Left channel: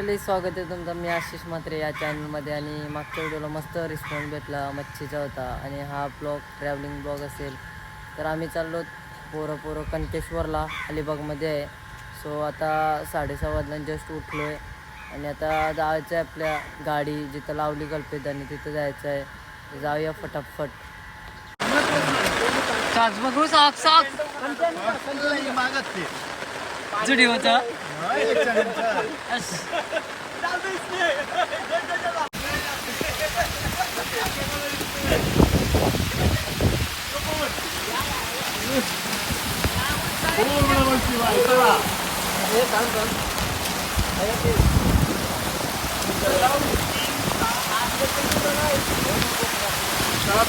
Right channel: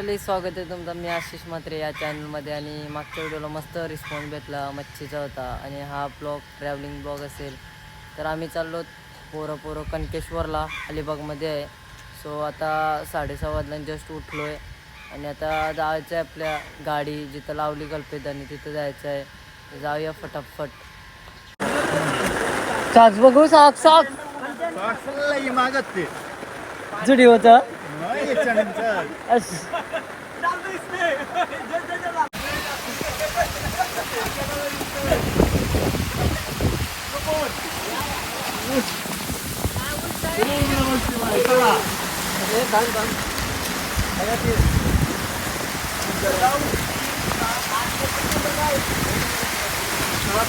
मंडळी स्वागत आहे तुमचं. मी आशिष म्हात्रे या चॅनलमध्ये आणि मागच्या व्हिडिओला मस्त रिस्पॉन्स भेटला मच्छीचा होता आणि हा ब्लॉग ट्रॅव्हलिंग ब्लॉग असेल. तर आम्ही चाललो पोरं पोरं कणकेश्वरला अलिबागमध्ये आहे. सो आता साडेसहा वाजला जस्ट उठलो आहे आणि आता जायचं आहे आपल्या गाडी जिथं लावली कल्पेतानी तिथं जायचं आहे जाऊया फटाफट. बघू साक जुडी होतं अस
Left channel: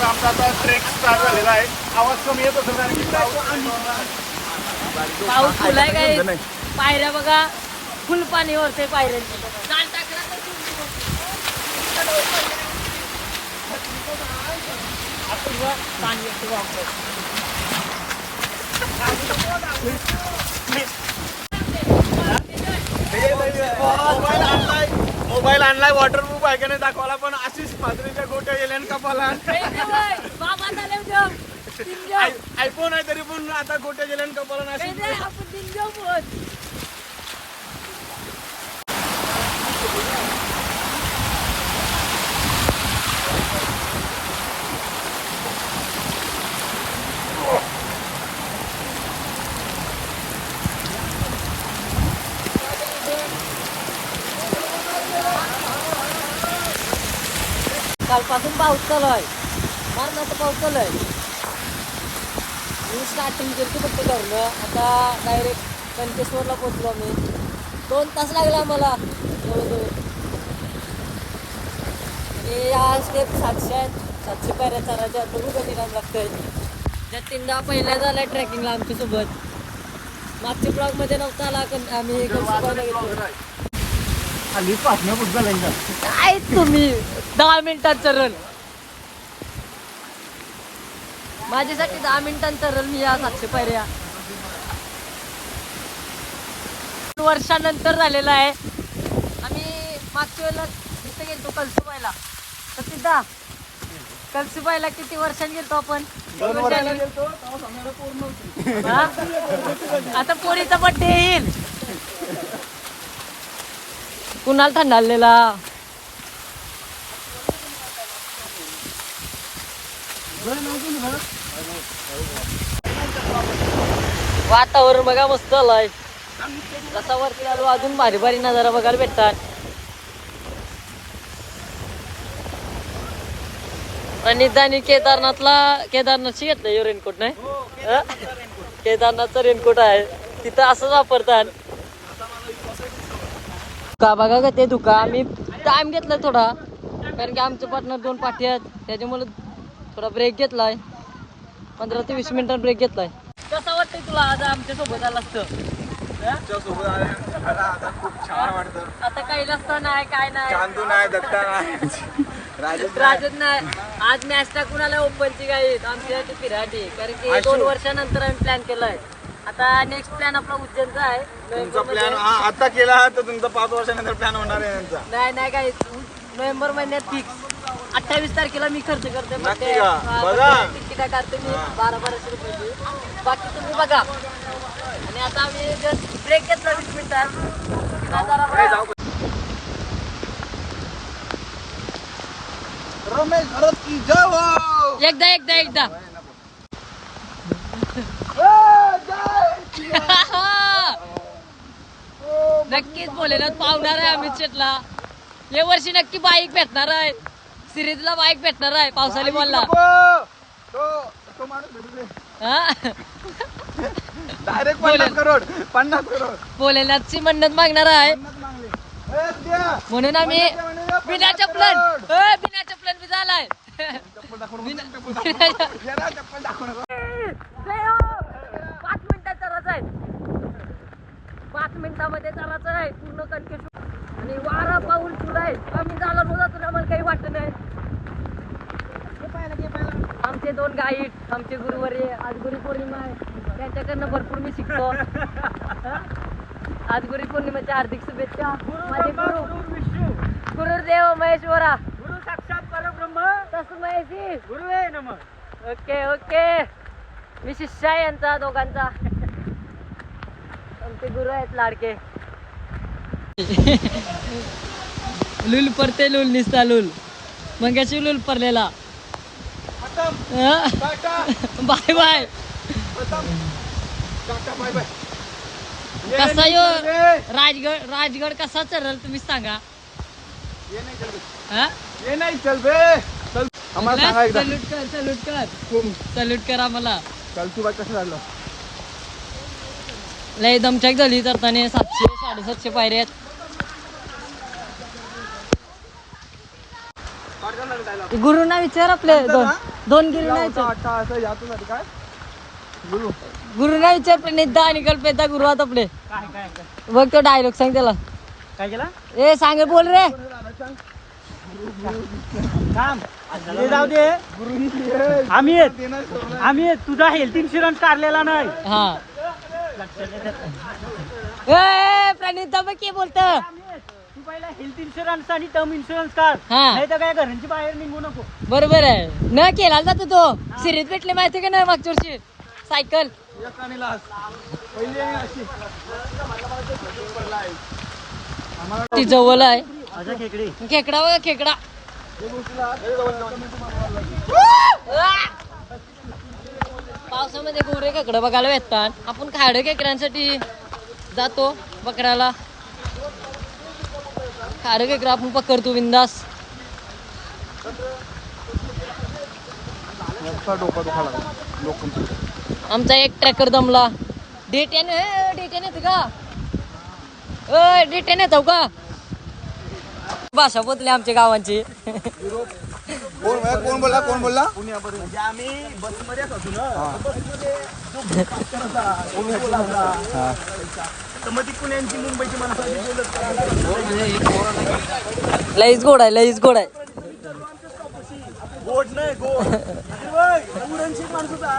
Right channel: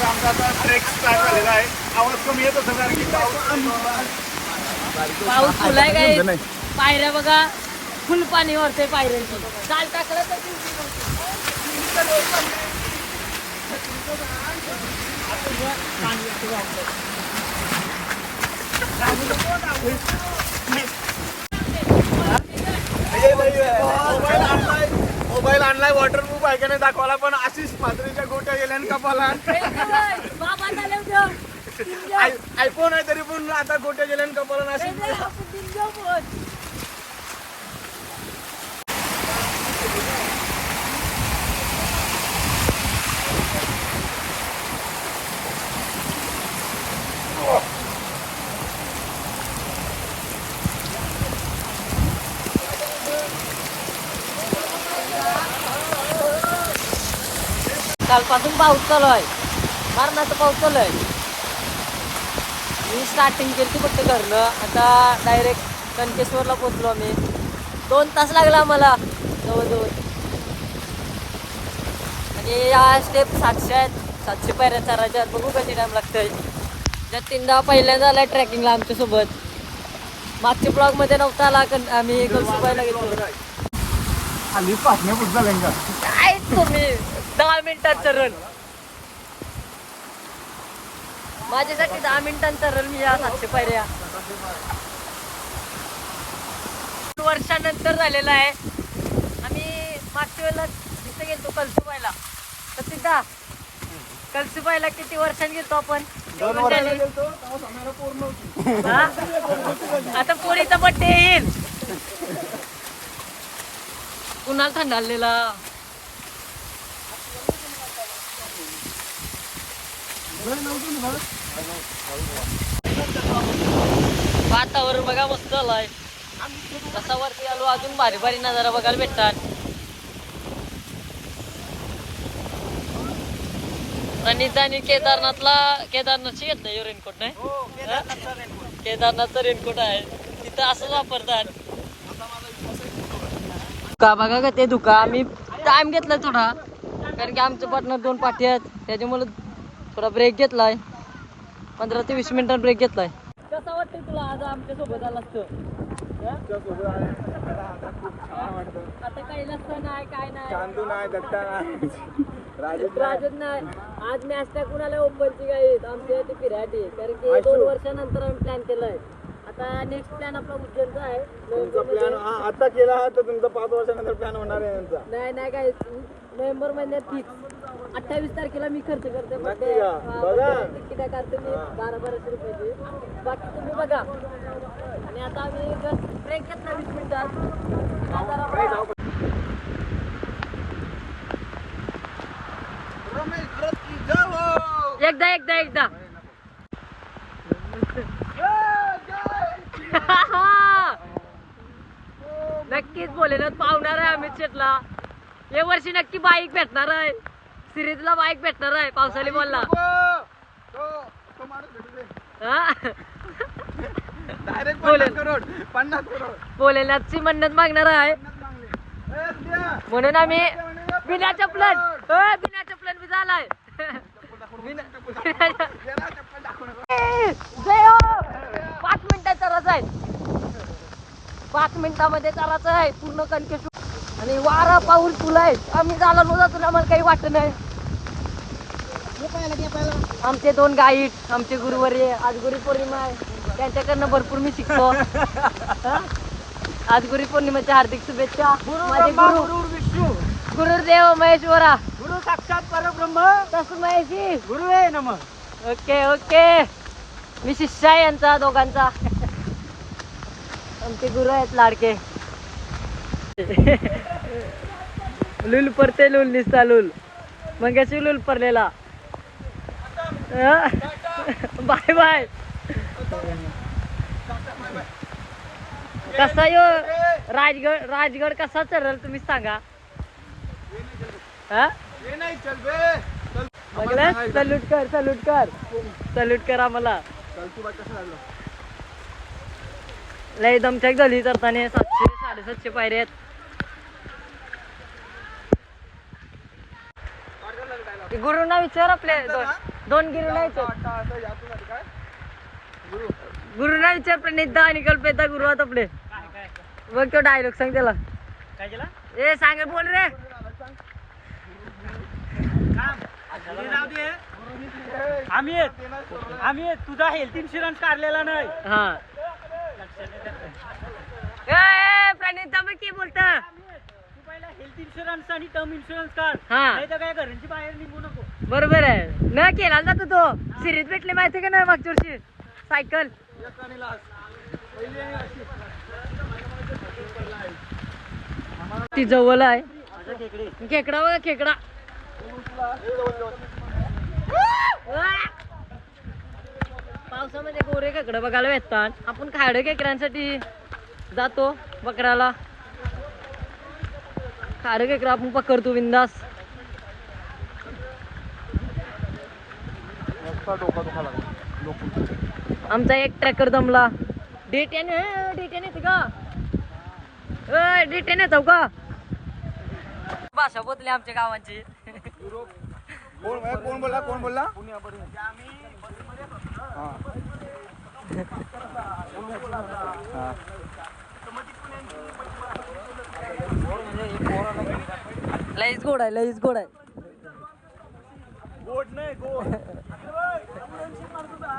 आमचा आता ट्रेक स्टार्ट झालेला आहे आवाज कमी येत असेल कारण की पाऊस फुलाय काय पायऱ्या बघा. फुल पाणी वरते पायऱ्या काल टाकलं. मोबाईल आणलाय मोबाईल आणलाय वॉटरप्रूफ आहे का नाही दाखवायला पण आशिष पात्रेच्या गोट्या गेल्यान कपाला. आयफोन आहे तरी पण आता गोट्या गेल्यान कपाला काही कालपासून पाऊस चालू आहे. मारण्याचा पाऊस चालू आहे. मी स्टार्टिंग केली फक्त घरनं. आता डायरेक्ट कणकेश्वरला पोचलो आम्ही. दोन तास लागला मला जवळजवळ. आणि या स्टेप सातशे आहेत. सातशे पायऱ्या चारायच्या आहेत. बघू कधी टाइम लागतंय. त्यात तीनदा पहिल्यांदा आला ट्रेकिंगला आमच्यासोबत. मागच्या ब्लॉगमध्ये नव्हता आला कन आम्ही कळसुबाईला गेलो. आली पाटण्या पुढचा तुम्ही? दहा मिनिटांचं रन माझ्यासाठी दहा मिनिटांचं रन मी या सातशे पायऱ्या. दोन वर्षानंतर झालेला आहे. आम्ही मागच्या वेळेला इथे गेलतो कलसुबाईला सतीदा कलसुबाईला किती वर्षांनी गेलतो आपण? दोन गेलतो? आता पोरीचा बड्डे येईल. कुणाला थंडाळलेला वातावरण बघा मस्त आलाय असा वरती अजून भारी भारी नजारा बघायला भेटतात. आणि त्यांनी केदारनाथला केदारनाथची घेतलं रेनकोट नाही? केदारनाथचा रेनकोट आहे. तिथं असंच वापरतात का बघा का ते दुका आम्ही टाइम घेतलाय थोडा. कारण की आमचे पार्टनर दोन पाठी आहेत. त्याच्यामुळे थोडा ब्रेक घेतलाय. पंधरा ते वीस मिनिटांनी ब्रेक घेतलाय. कसं वाटतंय तुला आज आमच्यासोबत आला असतं हा? खूप छान वाटतं आता कैलास नाही काय नाही चांदू नाही दत्ता नाही राजन नाही आज मॅच टाकून आलाय ओपनची काय आमच्या ते पिराटी कारण की दोन वर्षानंतर आम्ही प्लॅन केलाय. आता नेक्स्ट प्लॅन आपला उज्जैनचा आहे. तुमचा नोव्हेंबरमध्ये. प्लॅन आता केला तर तुमचा पाच वर्षानंतर प्लॅन होणार आहे यांचा. नाही नाही काय नोव्हेंबर महिन्यात फिक्स अठ्ठावीस तारखेला मी खर्च करते नक्की का? बघा. तिकीट काढते मी. बारा बाराशे रुपयाची बाकी तुम्ही बघा. आणि आता आम्ही जस्ट ब्रेक घेतला वीस मिनिटात. आता जरा बघा. रमेश भरत की जय हो! एकदा एकदा एकदा. नक्कीच बोलेलं. पावणार आहे आम्ही शेटला या वर्षी नक्की बाईक भेटणार आहे. सिरीजला बाईक भेटणार आहे पावसाळी बोलला. डायरेक्ट पन्नास करोड पन्नास करोड. बोलेल्याची मन्नत मागणार आहे. म्हणून आम्ही बिना चपलन बिना चपलन झालाय हो पाच मिनिटात चालायचं आहे. पाच मिनिटामध्ये चालायचं आहे. पूर्ण कणकेश्वर आणि वारा पाऊल तुला आम्ही झाला जातो आम्हाला काही वाटत नाही. आमचे दोन गाईड आमचे गुरुवारी आज गुरु पौर्णिमा आहे. त्यांच्याकडनं भरपूर मी शिकतो? आज गुरु पौर्णिमेच्या हार्दिक शुभेच्छा. माझे गुरु. गुरु विष्णू. गुरुदेव महेश्वरा. गुरु साक्षात परब्रह्म. तस्मयशी गुरु आहे नम. Okay okay. मी शिष्य आहे यांचा दोघांचा. आमचे गुरु आहेत लाडके. लुल परते लुल निसता लुल. मंगेशी लुल परलेला बाय बाय. खतम. Tata bye bye. कसा यो? राजगड राजगड कसा चढल तुम्ही सांगा. ये नाही चल बे. हा? नाही चल बे चल. आम्हाला सांगा एकदा. सल्यूट कर सल्यूट कर. सल्यूट कर आम्हाला. चल तू बाय कसं झालं? लय दमछाक झाली तर त्याने सातशे साडेसातशे पायरे आहेत. गुरुना विचार आपले दोन दोन गिरूंना विचार. काय? गुरु. गुरुना विचार प्रणिता आणि कल्पेता गुरु आहेत आपले. काय काय बघ तो डायलॉग सांग त्याला. काय केला? ए सांग बोल रे. काम. जाऊ दे. आम्ही आहेत. आम्ही आहेत. तुझा हेल्थ इन्शुरन्स काढलेला नाही. हा. ए, प्रणिता बघ की बोलत. पहिला हेल्थ इन्शुरन्स आणि टर्म इन्शुरन्स काढ. हा. नाही तर काय घरांची बाहेर निघू नको. बरोबर आहे. न केला जातो तो. सिरीत भेटले माहिती का नाही मागच्या वर्षी सायकल ती जवळ आहे. खेकडे. खेकडा बघा खेकडा. पावसामध्ये गोरे खेकडं बघायला येतात आपण खाडे खेकड्यांसाठी जातो पकडायला खाडे खेकडं आपण पकडतो बिंदास. डोका दुखा लागला. लोक आमचा एक ट्रॅकर दमला. डेट्याने डेट्याने येते का? डेट्याने येतो का? भाषा बोलली आमच्या गावांची. कोण कोण बोलला? कोण बोलला? म्हणजे आम्ही बसमध्येच असू ना. बसमध्ये जो भूतकाळ होता, कोणी बोलावला. तर मग ती पुण्यांची मुंबईची माणसं आली बोलत लईच गोड आहे लईच गोड आहे. गोड नाही गोड. अरे वय, उरणची माणसं होता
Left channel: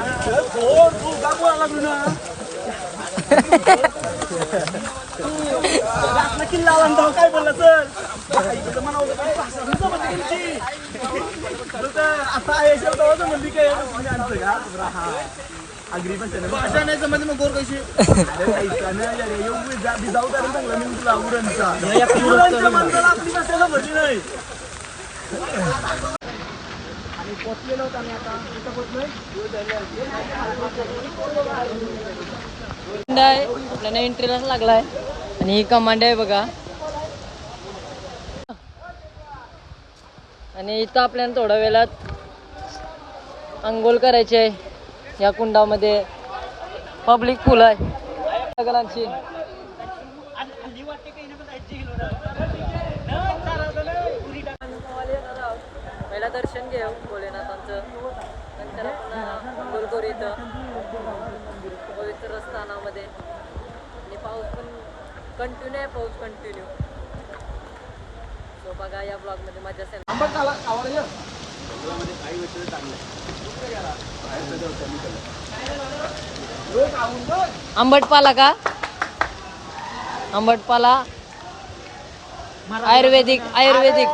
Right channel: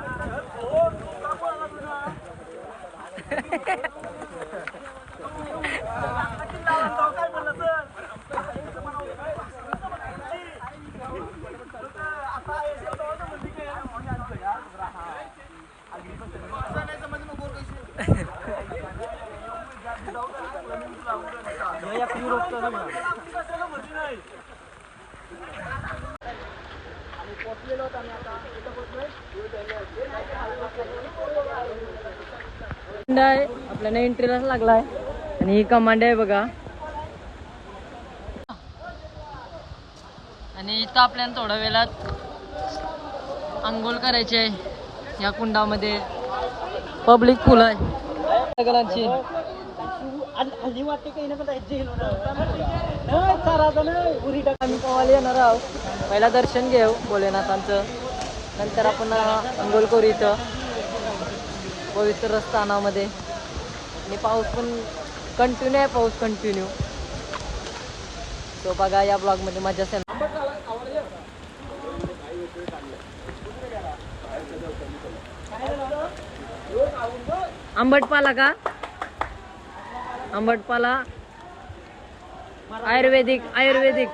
अरे गोड तू का बोलायला लागलो ना रातला किल्ला आला आणि तेव्हा काय बोलला म्हणजे असं आहे भाषा नाही समजली मग गोर कशी मी तुला उरणचा माणसाला आपली नाही आणि पोचलेलो होत आम्ही आता कुठं पोचलोय आहे आपल्याला लागलाय. आणि ही कमांड आहे बघा. आणि इथं आपल्याला थोड्या वेळात आंघोळ करायची आहे. या कुंडामध्ये पब्लिक पूल आहे. सगळ्यांची. येणार आहोत पहिला दर्शन घेऊ भोलेनाथांचं. नंतर आपण अंघोळ करू इथं. पवित्र स्थानामध्ये आणि पाऊस पण कंटिन्यू आहे पाऊस कंटिन्यू तो बघा या ब्लॉगमध्ये मजा असेल आंबटपाला का? आंबटपाला. आयुर्वेदिक आयुर्वेदिक.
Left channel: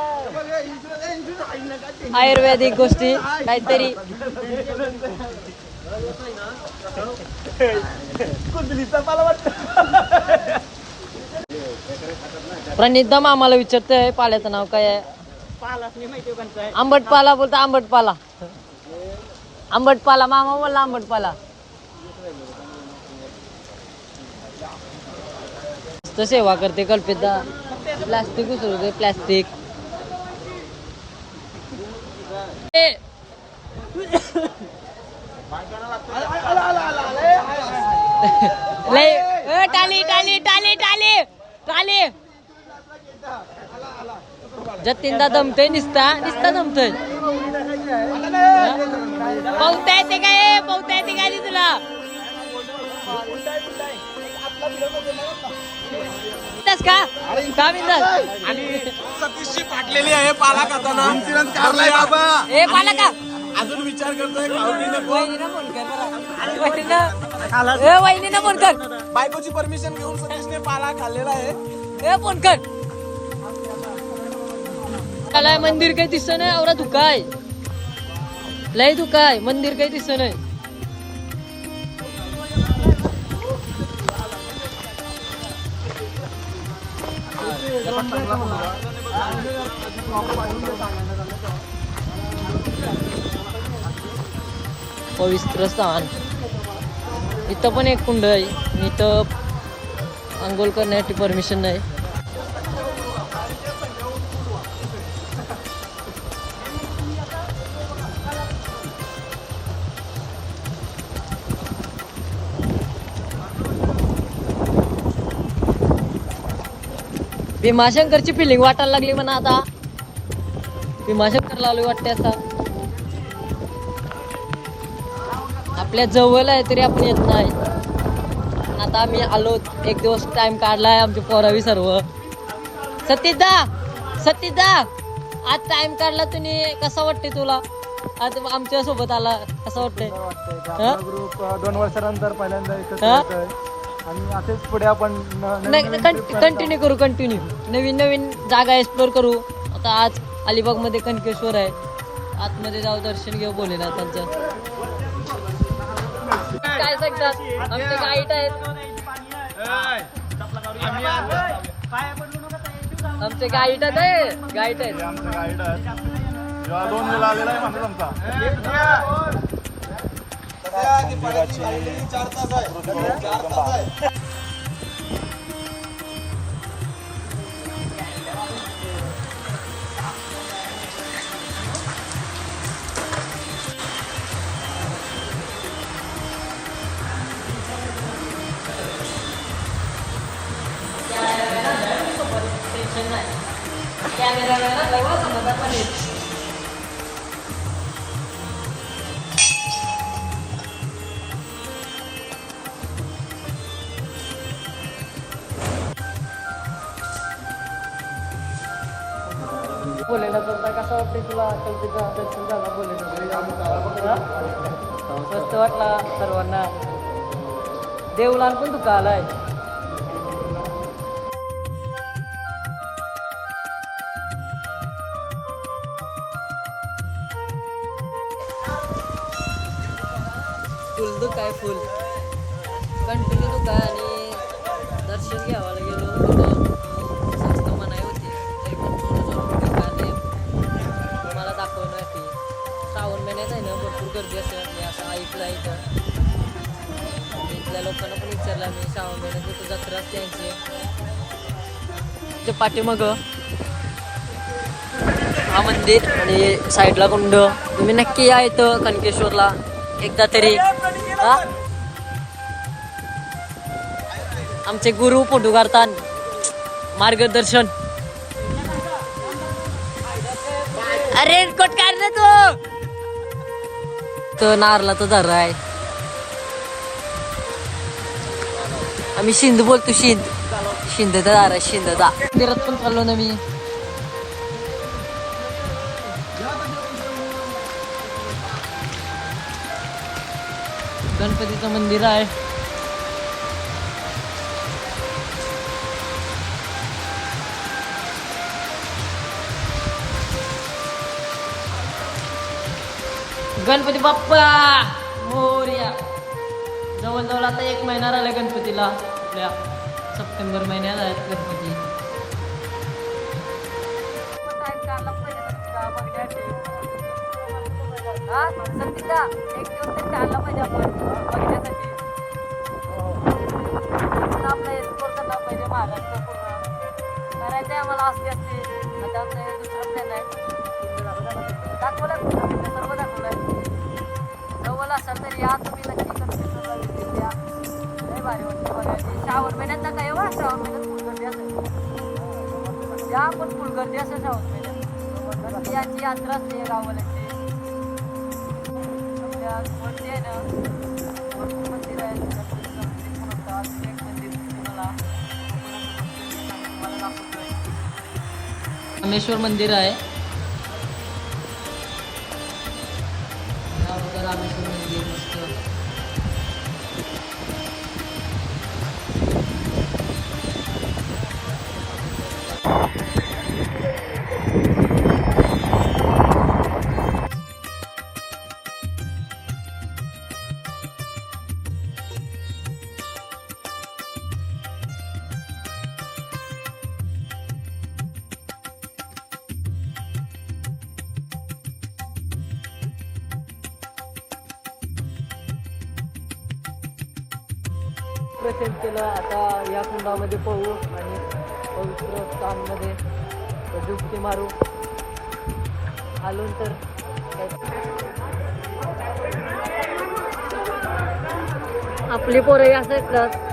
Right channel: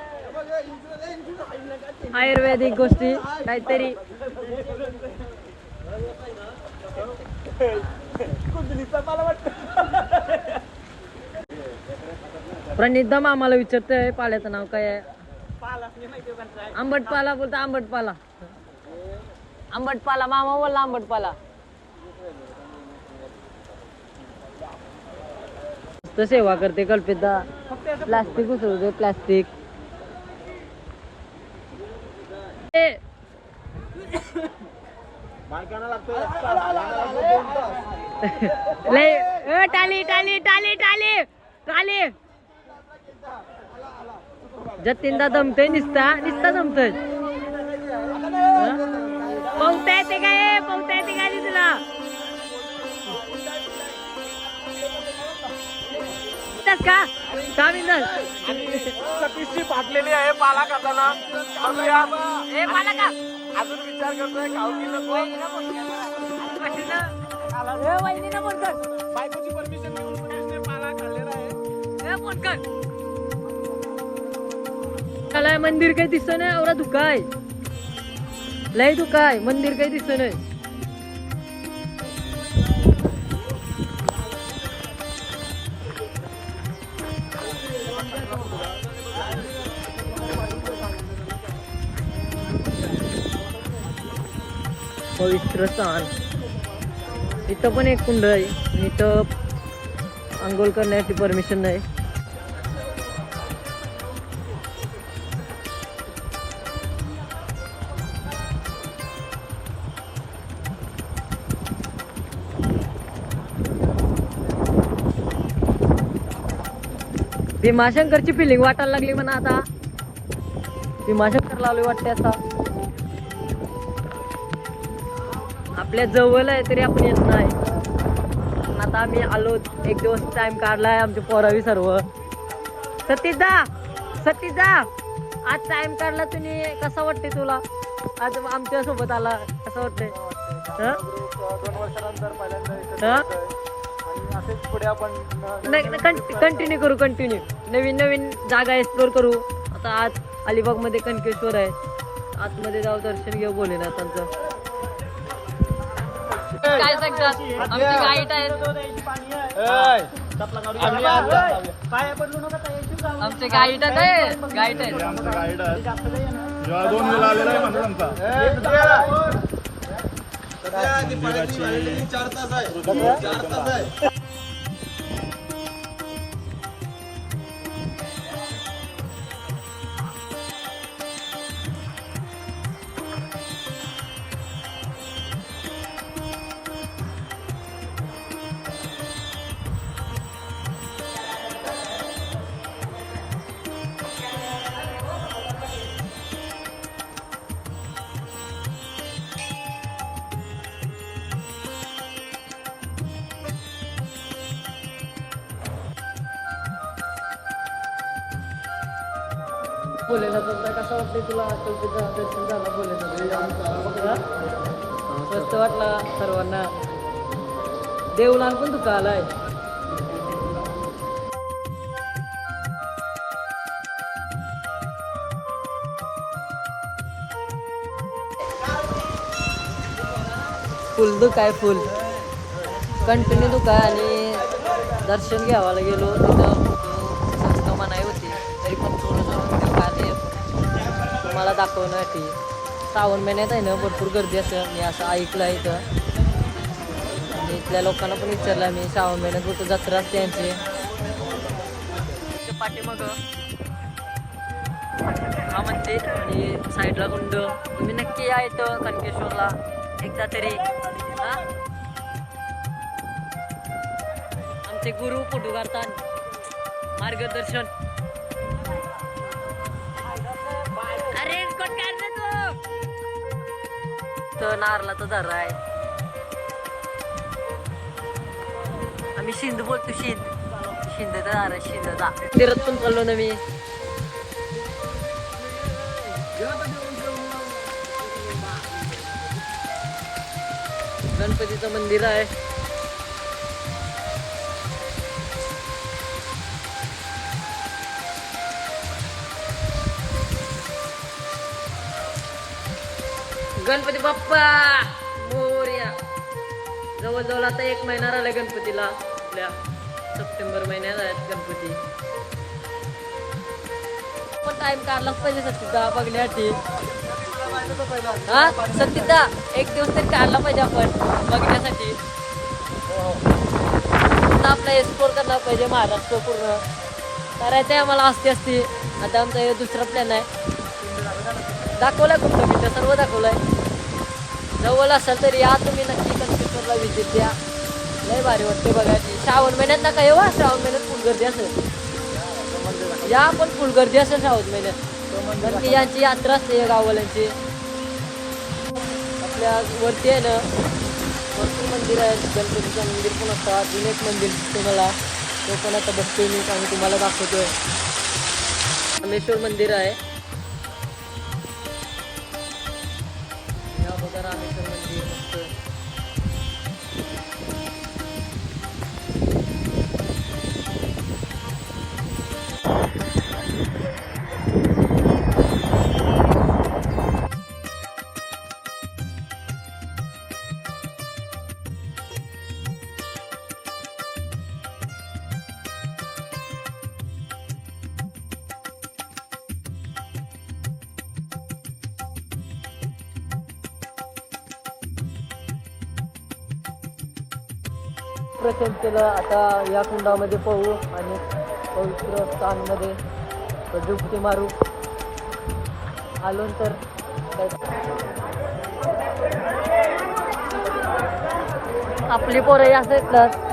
आयुर्वेदिक गोष्टी काहीतरी. कुंडलीचा मला वाटतं. प्रणिता मामाला विचारतोय पाल्याचं नाव काय आहे? आंबट पाला माहिती आंबट पाला आंबटपाला पाला आंबटपाला. आंबटपाला मामा बोलला आंबटपाला. पाला सेवा करते कल्पित. प्लास्टिक उचलते प्लास्टिक. टाली टाली टाली टाली टाली. जतीनदा दमतय निसता निसता दमतय. पावता येते काय? पावता येते का तुला? येतेस का? का बिंदास? अतिशय फाटलेली आहे पाला खाताना बघूया. ए पाला का अजून विचार करतोय फोन कर ना फोन कर. बायकोची परमिशन घेऊन सतीशने पाला खाल्लेला आहे. ए फोन कर. मला मंदिर काही दिसत नाही एवढा धुका आहे लय धुकाय मंदिर काही दिसत नाही. पवित्र स्थान. इथं पण एक कुंड आहे. इथं आंघोळ करण्यासाठी परमिशन नाही. भीमाशंकरची फिलिंग वाटायला लागली म्हणा आता. भीमाशंकर लावली वाटते आता. आपल्या जवळ आहे तरी आपण येत नाही. आता आम्ही आलो एक दिवस टाइम काढलाय आमची पोरावी सर्व. सतीदा सतीदा आज टाइम काढला तुम्ही कसा वाटते तुला? आज आमच्यासोबत आला कसं वाटतंय? हा? ग्रुप दोन वर्षानंतर पहिल्यांदा आणि असेच पुढे आपण कंटिन्यू करू कंटिन्यू नवीन नवीन जागा एक्सप्लोर करू. आता आज अलिबागमध्ये कणकेश्वर आहे. आतमध्ये जाऊ दर्शन घेऊ बोलूया त्यांचं. काय सांगतात आमचे गाईड आहेत. आमचे गाईड आहेत गाईड आहेत. दोन बोलायला तर कसं वाटतं तुला तिथं दर्शन झाला बोलायला मस्त वाटला सर्वांना. देवलान पण तुका आलाय. फुल दुख आहे फुल. कंटिन्यू दुख आहे आणि दर्शन घ्यावायला गेलो तिथं. तुम्हाला दाखवण्यासाठी श्रावण महिन्यात आहे ना भरपूर गर्दी असते. मी असं ऐकलं आहे इथं म्हणजे इथल्या लोकांना पण विचारलं मी श्रावण महिन्यात कुठं जत्रा असते यांची ते पाठीमाग हा मंदिर आणि साईडला कुंड. तुम्ही नक्की या इथं कणकेश्वरला एकदा तरी. हा? आमचे गुरु फोटो मार्गदर्शन. अरे कोट काढ ना तू. तो नारला तो आहे. आम्ही शिंद बोलतो शिंद. शिंद दार आहे शिंद दा. तिरत पण चाललो ना मी. गणपतीचं मंदिर आहे. गणपती बाप्पा! मोरया. जवळजवळ आता एक महिना राहिला गणपतीला. सप्टेंबर महिन्यात आहे गणपती. टाइम काढला पाहिजे सत्तीचा बघण्यासाठी हा? एक दिवस तरी काढला पाहिजे आपण बघण्यासाठी. आपलं एक्सप्लोर करणार पाहिजे महाराष्ट्र पूर्ण. करायचं आहे आम्हाला असते असते आता आमचा दुसरा प्लॅन आहे. दाखवलाय कुठं कुठं? सर्व दाखवलंय. जवळ असाल तर या तुम्ही नक्की कन्स्ट्रक्टरला विजिट द्या लय भारी वाटतं बघा श्रावण महिन्यात नका येऊ हा, श्रावण महिन्यात फुल गर्दी असेल. या पण फुल गर्दी असेल श्रावण महिन्यात. कारण की याची यात्रा असते या गावाल्यांची आपल्या वरती आहे ना भरपूर मंदिर आहे. गणपतीचं मंदिर पण असतं अजून एक मंदिर तुम्हाला ते पण आता बघतोय मी आणि तुम्हाला दाखवतो रामेश्वर मंदिर आहे. रामेश्वर प्रचंड आता या कुंडामध्ये पळू आणि पवित्र स्थानमध्ये डुबकी मारू. आलो तर. आपली पोरंही असं येतात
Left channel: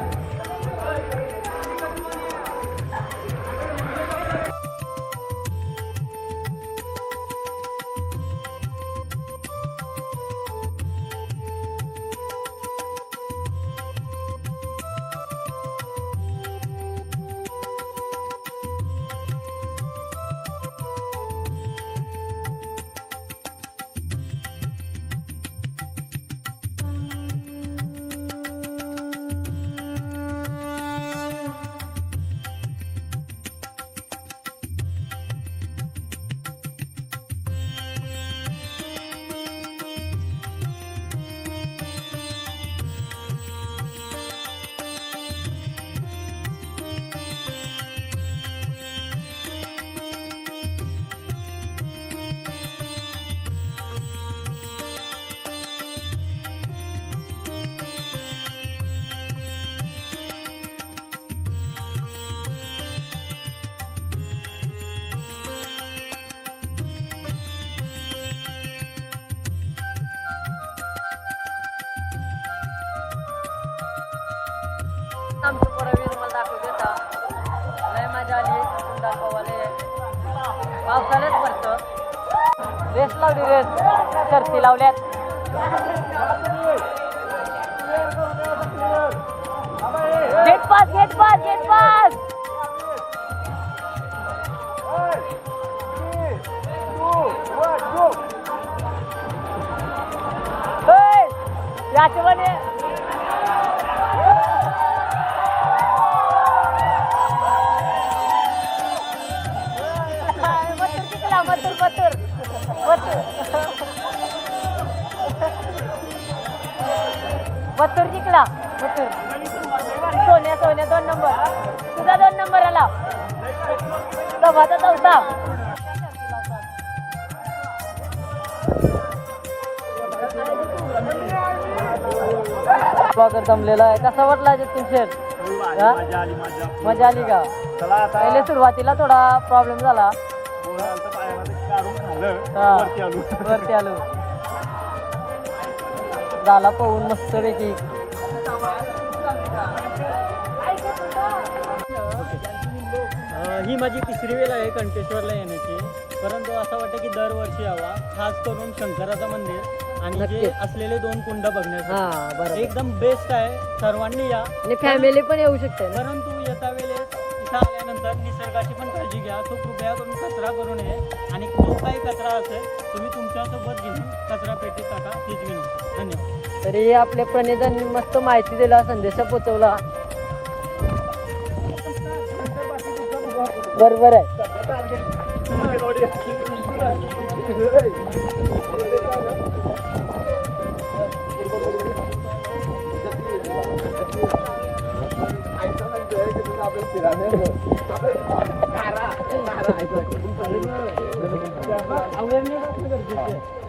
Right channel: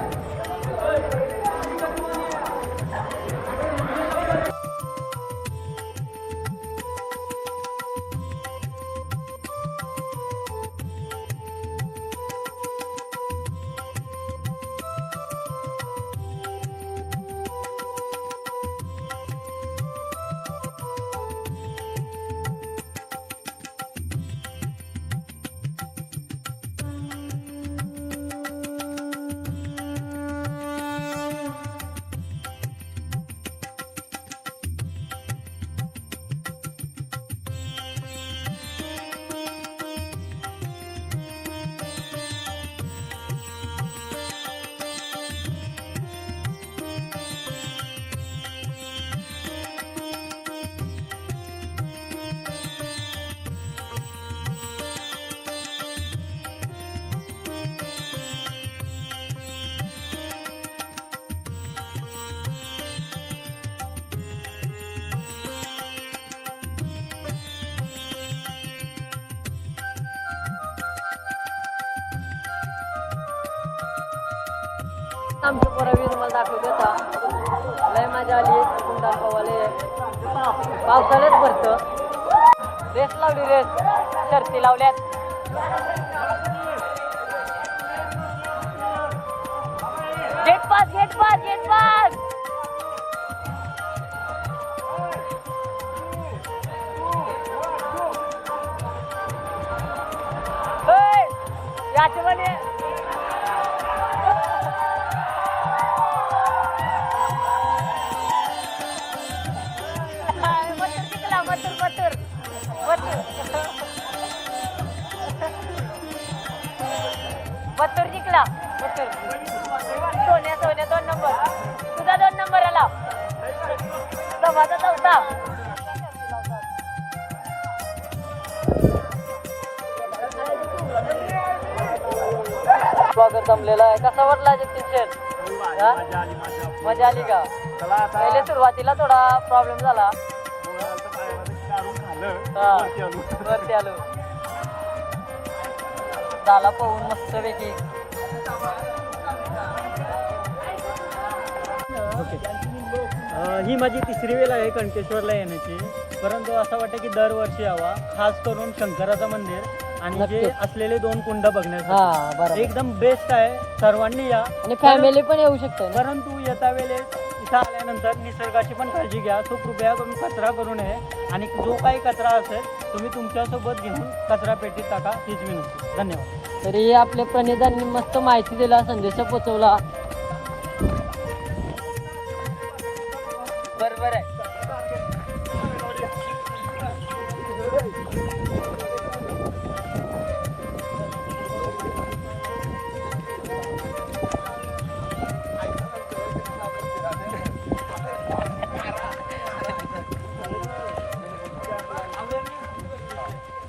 आमची पोरं मी तुम्हाला दाखवते आता. लय मजा आली. कुंडाल पवाले पावसाळ्यात भरतं. रेस लावली रेस. शर्ती लावल्यात. Gate pass gate pass gate pass याच्यामध्ये सोन्या सोन्या दोन नंबर तुझा दोन नंबर आला माझा चौथा ब्लॉगर जमलेला आहे. कसा वाटला जतीन शेर? मजा आली का? पहिले सुरुवातीला थोडा प्रॉब्लेम झाला. वरती आलो. झाला पाहून मस्त पैकी ही माझी तिसरी वेळ आहे कंकेश्वरला येण्याची. परंतु असं वाटतं की दरवर्षी यावा खास करून शंकराचं मंदिर. आणि जे. असलेले दोन कुंड बघण्यासाठी. एकदम बेस्ट आहे. सर्वांनी या. आणि फॅमिली पण येऊ शकते परंतु येता वेळेस इथं आल्यानंतर निसर्गाची पण काळजी घ्या. सो कृपया करून कचरा करू नये. आणि जो काही कचरा असेल तुम्ही तुमच्यासोबत घेऊन कचरा पेटीत टाका हीच विनंती धन्यवाद. तरी आपल्या प्रणितांनी मस्त माहिती दिला संदेश पोचवला. बरोबर आहे. Para, para.